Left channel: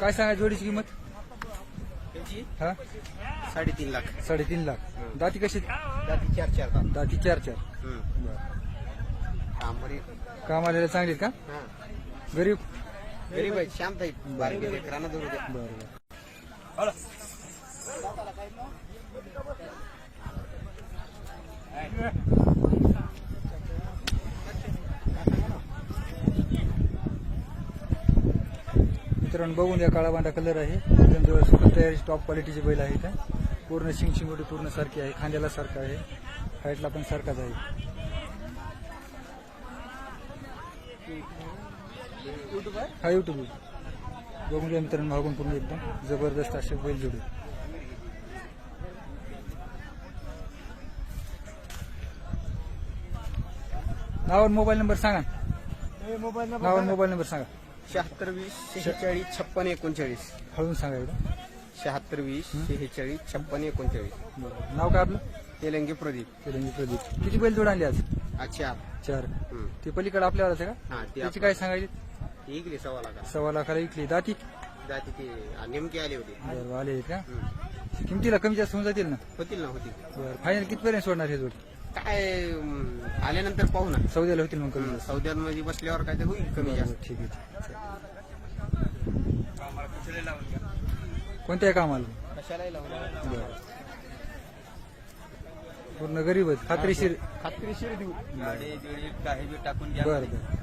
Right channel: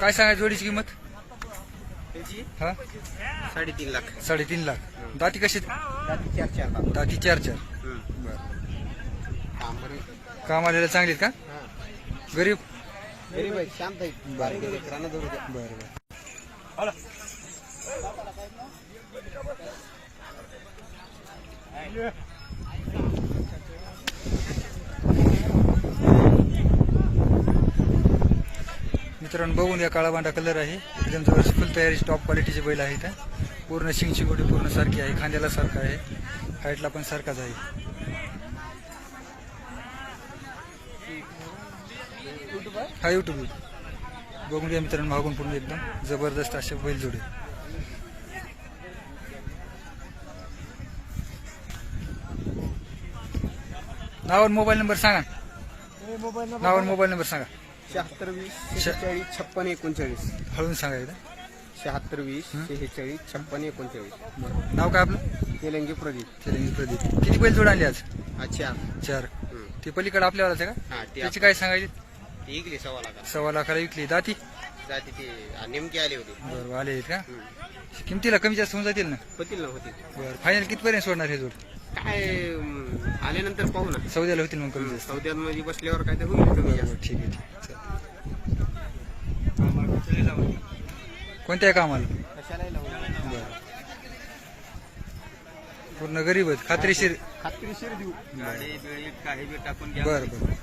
काय सांगा जोडीची किंमत? हा? साडेतीन लाख. साडेतीन लाख. दाती कशी जाती चार चार दाती चार चार. बर. काम आलेलं चांगलीत का? हा. गरीब? गरीब आहे शांत आहे बर. बर मित्रांनो बघून या काळा बांडा कलर आहे. एकदम जवळ फुल तयारीची टॉप क्वालिटीचे बैल आहेत हा. पूर्ण शिंग शिंगोटी पूर्ण सारखी आहे खांद्याला सारखा आहे हाईटला पण सारखाच आहे. हा युट्यूब बघून घ्या मित्रांनो मागून पूर्ण एकदम जबरदस्त असे बैल जोडे. नाव आणि मोबाईल नंबर सांगा मोबाईल नाव आणि मोबाईल नंबर सांगा. शहात्तर वीस शेहेचाळीस छप्पन एकोणचाळीस. हळून सांगा एकदा. शहात्तर वीस शेहेचाळीस छप्पन एकोणचाळीस. बरं. नाव काय आपलं? तेलंगी प्रदीप. चिरंगी प्रदीप. किती बैल जोड आणले आज? अच्छा. चार. ते पलीकडे आपल्याला का? हा ते त्याची काय सांगायची? सव्वा लाख सव्वा लाखाला विकली. दाती? जाती ते नेमके आले होते. बरं आले आहेत का. किमतीला कमी जास्त होऊन जातील ना? होतील ना होतील. बरं फायनल कितपर्यंत सोडणार हे जोड? काय अं, आल्यानंतर पाहू ना. सौद्याला होतील मग कमी जास्त. सौद्यात मध्ये बसल्यावर काय ते होईल कमी बरं जास्त. बरं ठीक आहे ठीक आहे. चालेल. कोणत्या कामाला? कशालाही लावलं बरं. पूर्ण गरीब आहेत खात्रीशीर. खात्रीशीर देऊ. गाडी बिडी काही बी टाकून घ्या बरं बरं.